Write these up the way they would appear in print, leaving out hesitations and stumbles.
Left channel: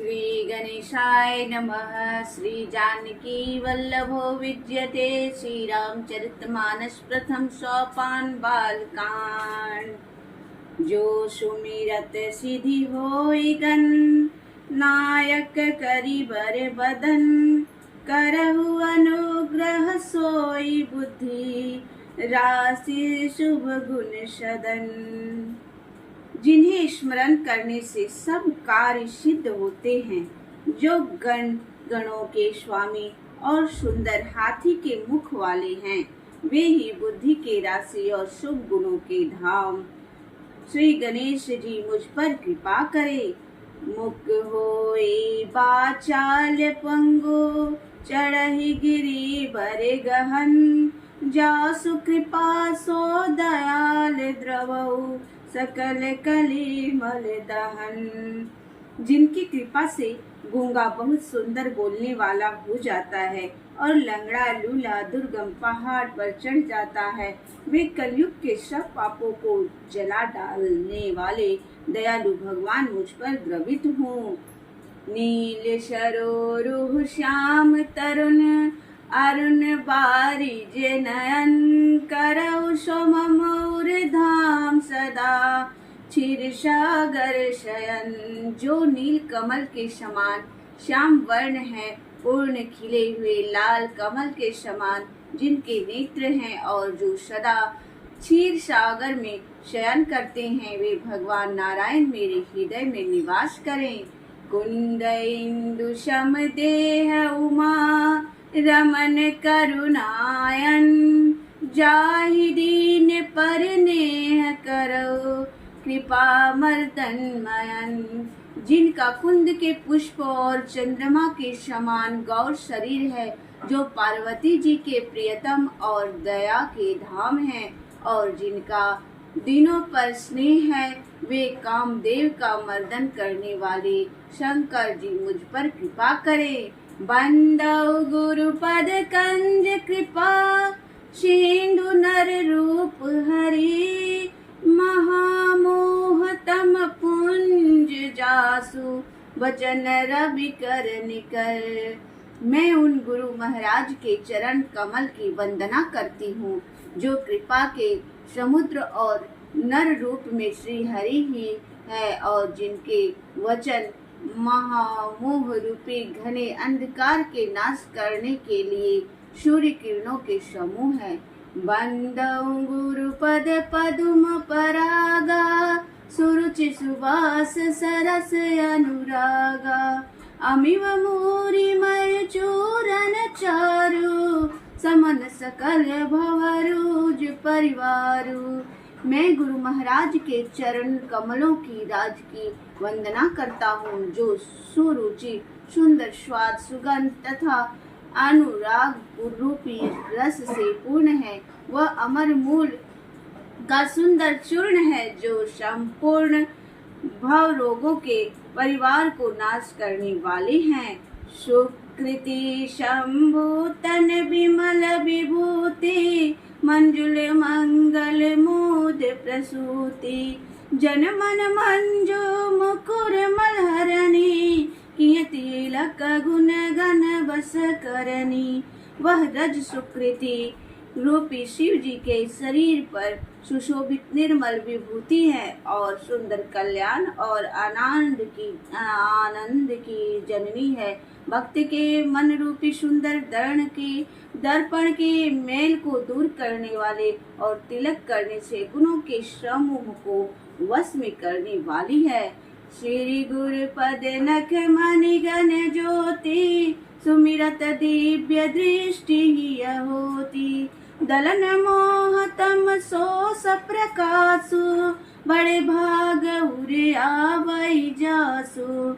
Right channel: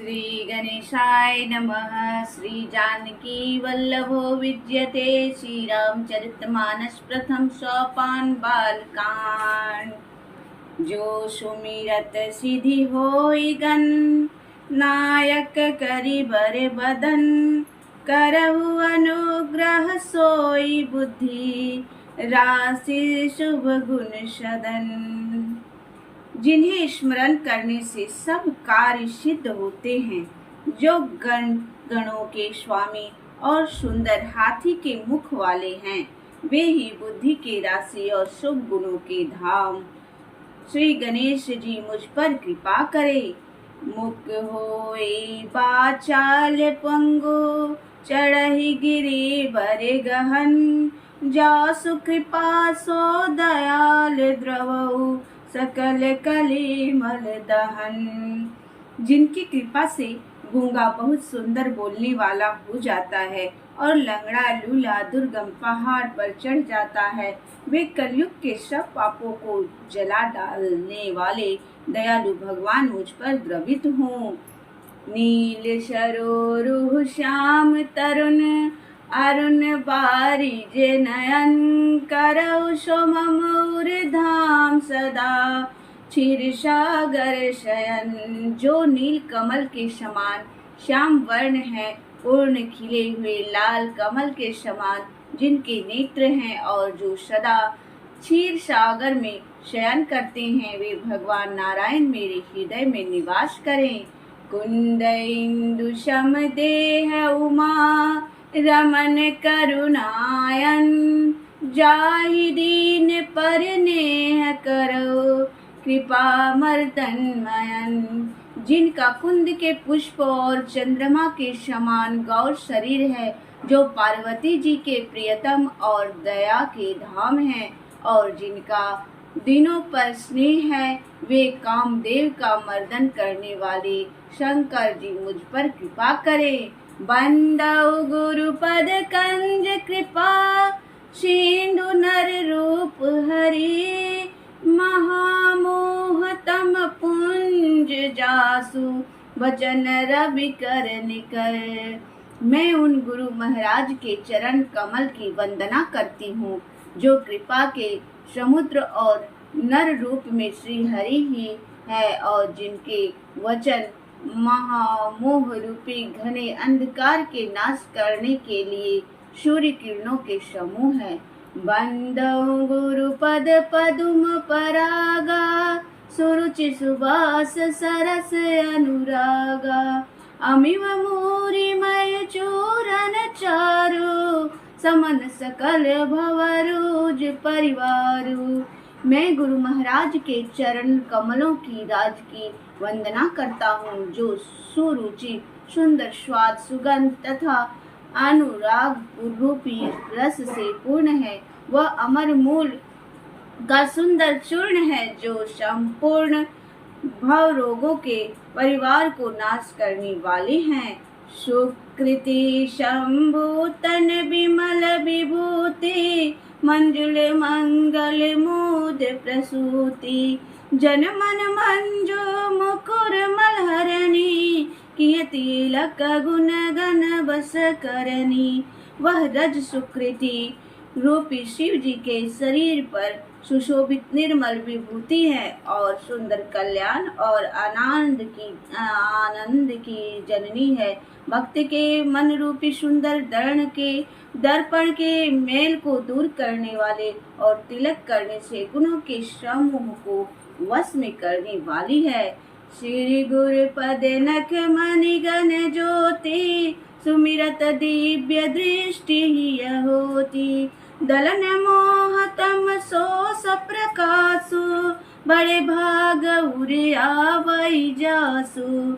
श्री गणेशाय नमः। श्री जानकी वल्लभो विद्यते। श्री रामचरितमानस प्रथम सोपान बालकांड। जो सुमिरत सिद्धि होई गन, नायक करि बर बदन। करहु अनुग्रह सोई बुद्धि, राशि शुभ गुण सदन। जिन्हें स्मरण करने से सब कार्य सिद्ध होते हैं, जो गणों के स्वामी और सुंदर हाथी के मुख वाले हैं, वे ही बुद्धि के राशि और शुभ गुणों के धाम। श्री गणेश जी मुझ पर कृपा करे। मुख होए बाचाल पंगु, चढ़ही गिरी बरे गहन। जासु कृपा सो दयाल द्रवहु, सकल कलिमल दहन। जिनकी कृपा से गूंगा बहुत सुंदर बोलने वाला हो जाता है और लंगड़ा लूला दुर्गम पहाड़ पर चढ़ जाता है, वे कलयुग के सब पापों को जला डालने वाले दयालु भगवान मुझ पर द्रवित हों। नील सरोरुह श्याम तरुण, अरुण बारिज नयन। करौ सोमम धाम सदा, क्षीर सागर शयन। जो नील कमल के समान श्याम वर्ण है, पूर्ण खिले हुए लाल कमल के समान जिनके नेत्र हैं, और जो सदा क्षीर सागर में शयन करते हैं, वे भगवान नारायण मेरे हृदय में निवास करें। कुंद इंदु सम देह उमा, रमन करुणायन। जाहि दीन पर नेह करो, कृपा मर्दनमयन। जिनका कुंद के पुष्प और चंद्रमा के समान गौर शरीर है, जो पार्वती जी के प्रियतम और दया के धाम हैं, और जिनका दिनों पर स्नेह है, वे कामदेव का मर्दन करने वाले शंकर जी मुझ पर कृपा करें। बंदौ गुरुपद कंज कृपा, सिंधु नर रूप हरि। महामोह तम पुंज जासु, वचन रवि कर निकर। मैं उन गुरु महाराज के चरण कमल की वंदना करती हूँ, जो कृपा के समुद्र और नर रूप में श्री हरि ही है, और जिनके वचन महामोह रूपी घने अंधकार के नाश करने के लिए सूर्य किरणों के समूह है। बंदौ गुरुपद पदुम परागा, सुरुचि सुबास सरस अनुरागा। अमिव मूरि मय चूरन चारु, समन सकल भवरुज परिवारु। मैं गुरु महाराज के चरण कमलों की राज की वंदना करता हूँ, जो सुरुचि सुंदर स्वाद सुगंध तथा अनुराग रूपी रस से पूर्ण है। वह अमर मूल का सुंदर चूर्ण है, जो संपूर्ण भव रोगों के परिवार को नाश करने वाले हैं। सुकृति शंभु तन विमल विभूति, मंजुल मंगल मूद प्रसूति। जन मन मंजु मुकुर मलहरणी, किय तिलक गुण गण बस करनी। वह रज सुकृति रूपी शिव जी के शरीर पर सुशोभित निर्मल विभूति है, और सुंदर कल्याण और आनंद की जननी है। भक्त के मन रूपी सुंदर दर्पण के मेल को दूर करने वाले, और तिलक करने से गुणों के समूह को वश में करने वाली है। श्री गुरु पद नख मणिगण ज्योति, सुमिरत दिव्य दृष्टि हिय होती। दलन मोह तम सोस प्रकाशु, बड़े भाग उरे आवै जासु।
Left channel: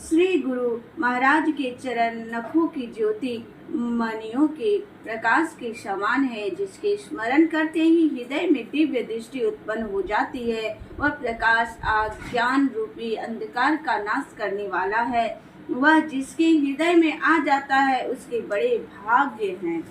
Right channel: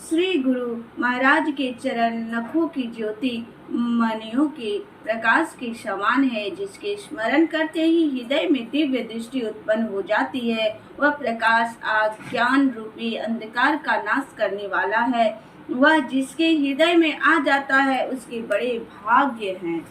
श्री गुरु महाराज के चरण नखों की ज्योति मणियों के प्रकाश के समान है, जिसके स्मरण करते ही हृदय में दिव्य दृष्टि उत्पन्न हो जाती है। वह प्रकाश अज्ञान रूपी अंधकार का नाश करने वाला है। वह जिसके हृदय में आ जाता है, उसके बड़े भाग्य हैं।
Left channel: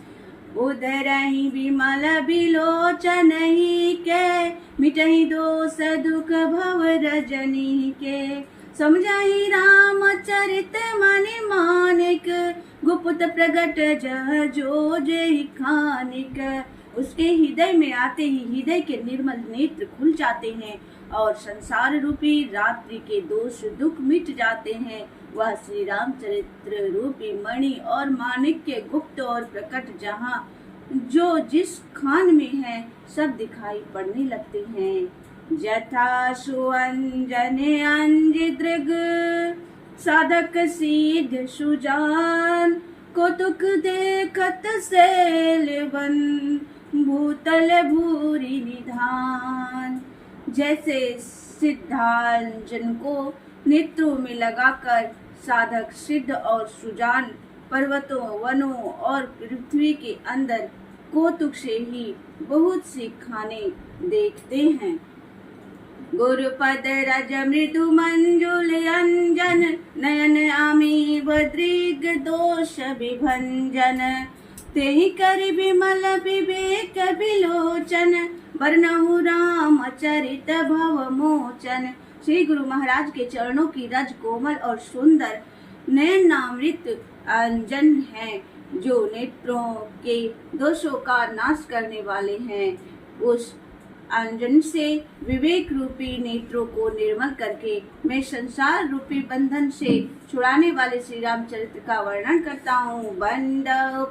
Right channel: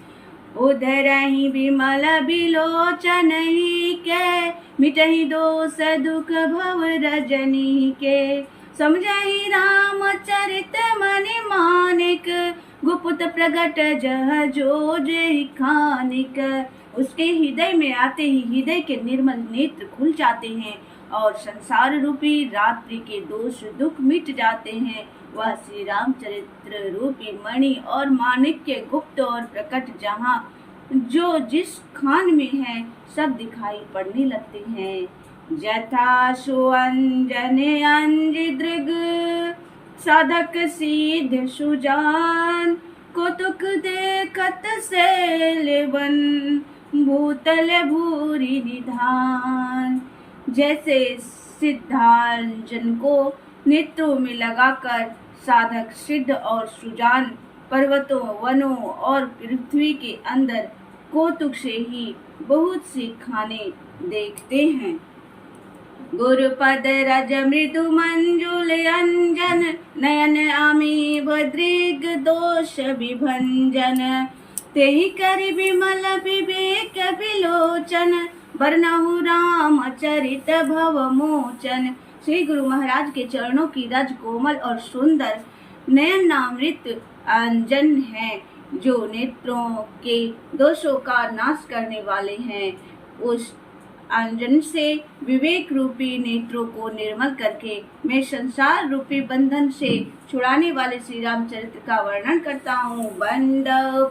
उधरहि विमल बिलोचन ही के, मिटहि दोष दुख भव रजनी के। समझहि रामचरित मनि मानिक, गुप्त प्रगट जह जो जय खानिक। उसके हृदय में आते ही हृदय के निर्मल नेत्र खुल जाते हैं और संसार रूपी रात्रि के दोष दुख मिट जाते हैं। वह श्री रामचरित्र रूपी मणि और माणिक्य गुप्त और प्रकट जहाँ जो जिस खान में है सब दिखाई पड़ने लगते हैं। जथा सुअंजन अंजिदृग, साधक सिद्ध सुजान, कौतुक देखत शैलवन, भूतल भूरि निधान। जैसे सिद्धांजन को नेत्रों में लगाकर साधक सिद्ध और सुजान पर्वतों वनों और पृथ्वी के अंदर कौतुक से ही बहुत सी खाने देखते हैं। गुरुपद रज मृदु मंजुल अंजन, नयन आमी बद्रिग दोष विभंजन, तेहि करि विमल विवेक विलोचन, वर्णहु राम चरित भव मोचन। श्री गुरु महाराज के चरणों की रज कोमल और सुंदर नयनामृत अंजन है, जो नेत्रों के दोषों का नाश करने वाले हैं। उस अंजन से विवेक रूपी नेत्रों को निर्मल करके मैं संसार रूपी बंधन से छुड़ाने वाले श्री रामचरित्र का वर्णन करता हूँ। बंद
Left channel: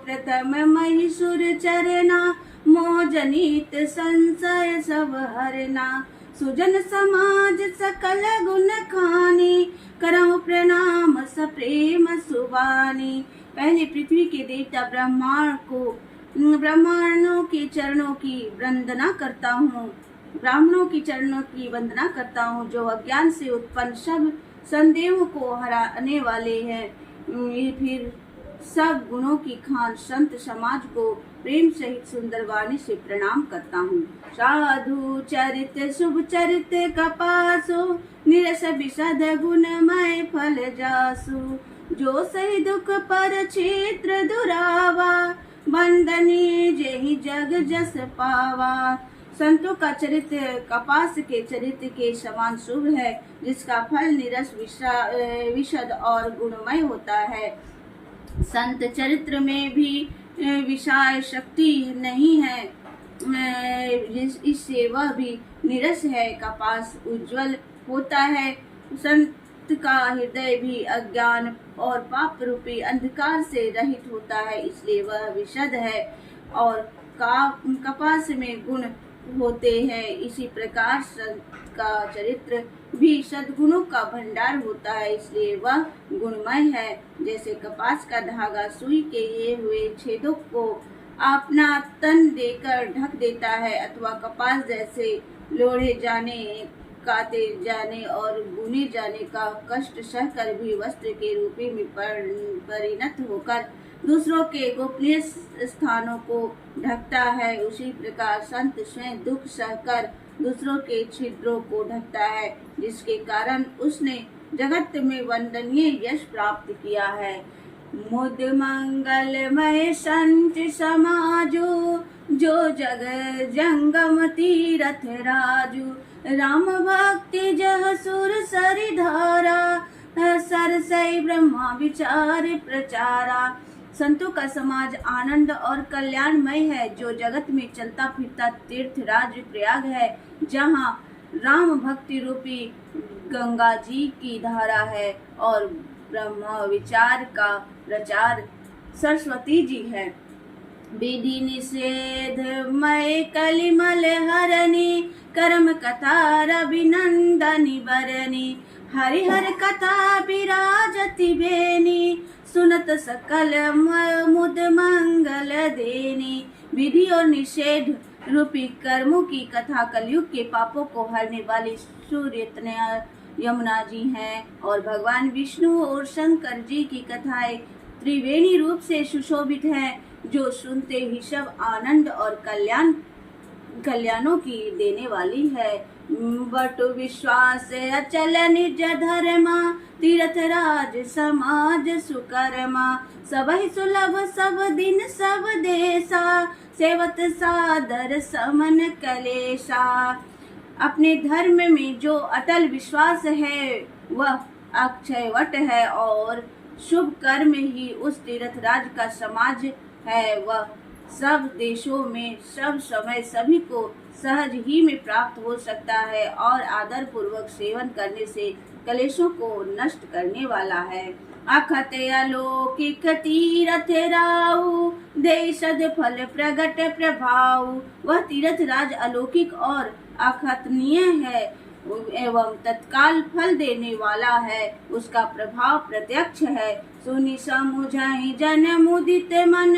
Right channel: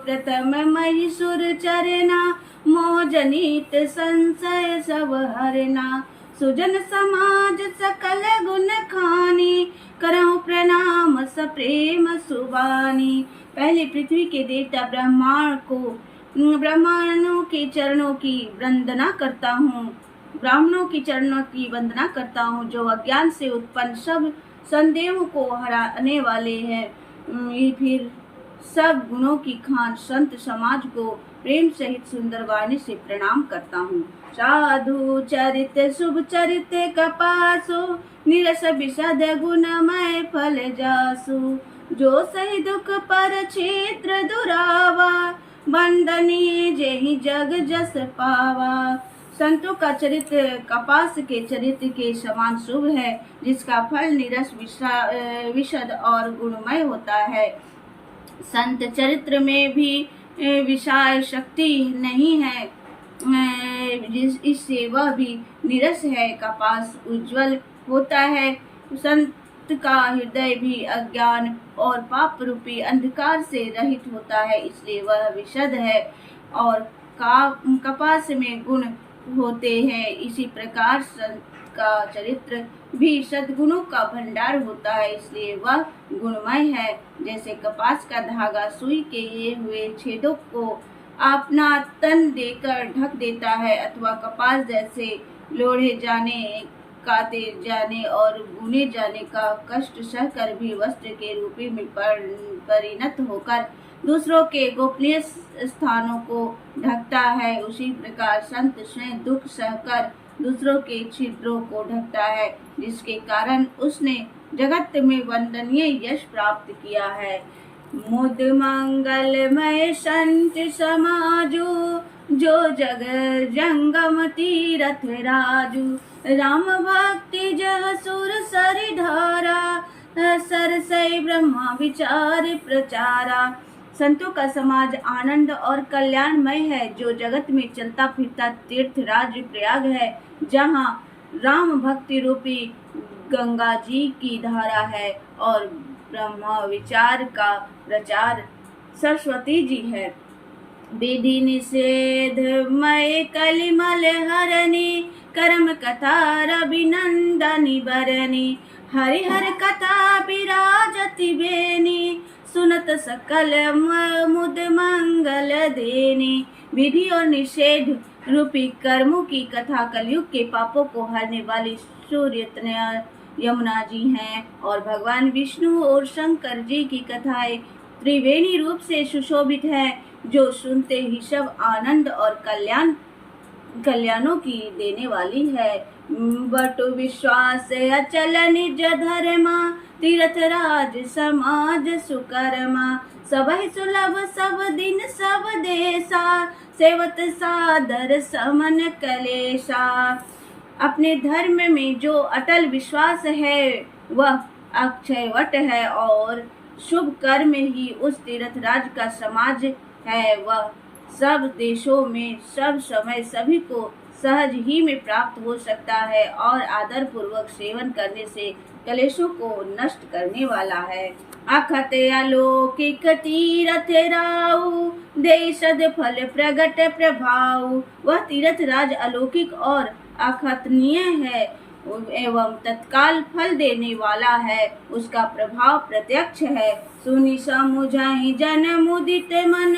प्रथम महिषुर चरना, मोजनीत संशय सब हरना, सुजन समाज सकल गुण खानी, करहु प्रणाम सप्रेम सुबानी। पहले पृथ्वी के देवता ब्राह्मणों के चरणों की वंदना करता हूँ, ब्राह्मणों की चरणों की वंदना करता हूँ, जो अज्ञान से उत्पन्न सब संदेहों को हराने वाले हैं। फिर सब गुणों की खान संत समाज को प्रेम सहित सुंदर वाणी से प्रणाम करता हूँ। साधु चरित शुभ चरित कपासो, निरस विशद गुणमय फल जासु, जो सही दुख पर क्षेत्र दुरावा, बंदनी जेहि जग जस पावा। संतों का चरित्र कपास के चरित्र के समान शुभ है, जिसका फल निरस विशद और गुणमय होता है। संत चरित्र में भी विषय शक्ति नहीं है, इससे वह भी निरस है। कपास उज्जवल होता है, संत का हृदय भी अज्ञान और पाप रूपी अंधकार से रहित होता है, इसलिए वह विशद है। और कपास में गुण होते हैं, इसी प्रकार संत का चरित्र भी सद्गुणों का भंडार होता है, इसलिए वह गुणमय है। जैसे कपास का धागा सुई के ये हुए छेदों को अपना तन देकर ढक देता है, अथवा कपास जैसे लोढ़े जाने, काते जाने और बुने जाने का कष्ट सहकर भी वस्त्र के रूपी में परिणत होकर दूसरों के गोपनीय स्थानों को ढकता है, उसी प्रकार संत स्वयं दुख सहकर दूसरों के छिद्रों को ढकता है, जिसके कारण उसने जगत में वंदनीय यश प्राप्त किया है। मुद मंगलमय संत समाजो, जो जग जंगम तीरथ राजू, राम भक्ति जह सुर सरि धारा, सरसई ब्रह्मा विचार प्रचारा। संतों का समाज आनंद और कल्याणमय है, जो जगत में चलता फिरता तीर्थ राज्य प्रयाग है, जहाँ राम भक्ति रूपी गंगा जी की धारा है और ब्रह्मा विचार का प्रचार सरस्वती जी है। विधि निषेध मय कलिमल हरणी, कर्म कथा रविनंदनी बरनी, हरिहर कथा विराजति बेनी, सुनत सकल मुद मंगल देनी। विधि और निषेध रूपी कर्मों की कथा कलयुग के पापों को हरने वाली सूर्य यमुना जी हैं, और भगवान विष्णु और शंकर जी की कथाएं त्रिवेणी रूप से सुशोभित है, जो सुनते ही सब आनंद और कल्याणों की देने वाली है। बटु विश्वास अचल निज धर्मा, तीर्थ राज समाज सुकर्मा, सबहि सुलभ सब दिन सब देशा, सेवत सादर समन कलेशा। अपने धर्म में जो अटल विश्वास है वह अक्षयवट है और शुभ कर्म ही उस तीर्थराज का समाज है। वह सब देशों में सब समय सभी को सहज ही में प्राप्त हो सकता है और आदर पूर्वक सेवन करने से कलेशों को नष्ट करने वाला है। अखत अलौकिक तीरथ राउ देशद फल प्रगट प्रभाव। वह तीर्थ राज अलौकिक और अखतनीय है एवं तत्काल फल देने वाला है। उसका प्रभाव प्रत्यक्ष है। सुनि समुझहि जन मुदित मन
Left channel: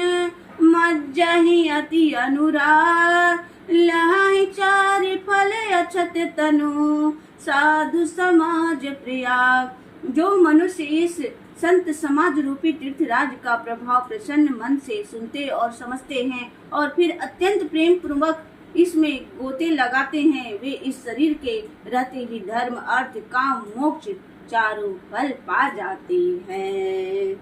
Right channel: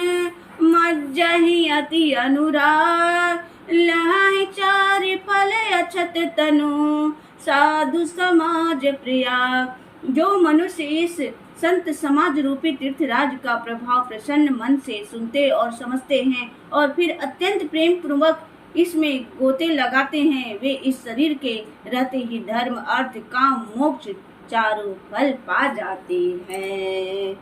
मज्जहि अति अनुराग। लहै चार फल अछत तनु साधु समाज प्रिया। जो मनुष्य इस संत समाज रूपी तीर्थराज का प्रभाव प्रसन्न मन से सुनते और समझते हैं और फिर अत्यंत प्रेम पूर्वक इसमें गोते लगाते हैं, वे इस शरीर के रहते ही धर्म अर्थ काम मोक्ष चारों फल पा जाते हैं।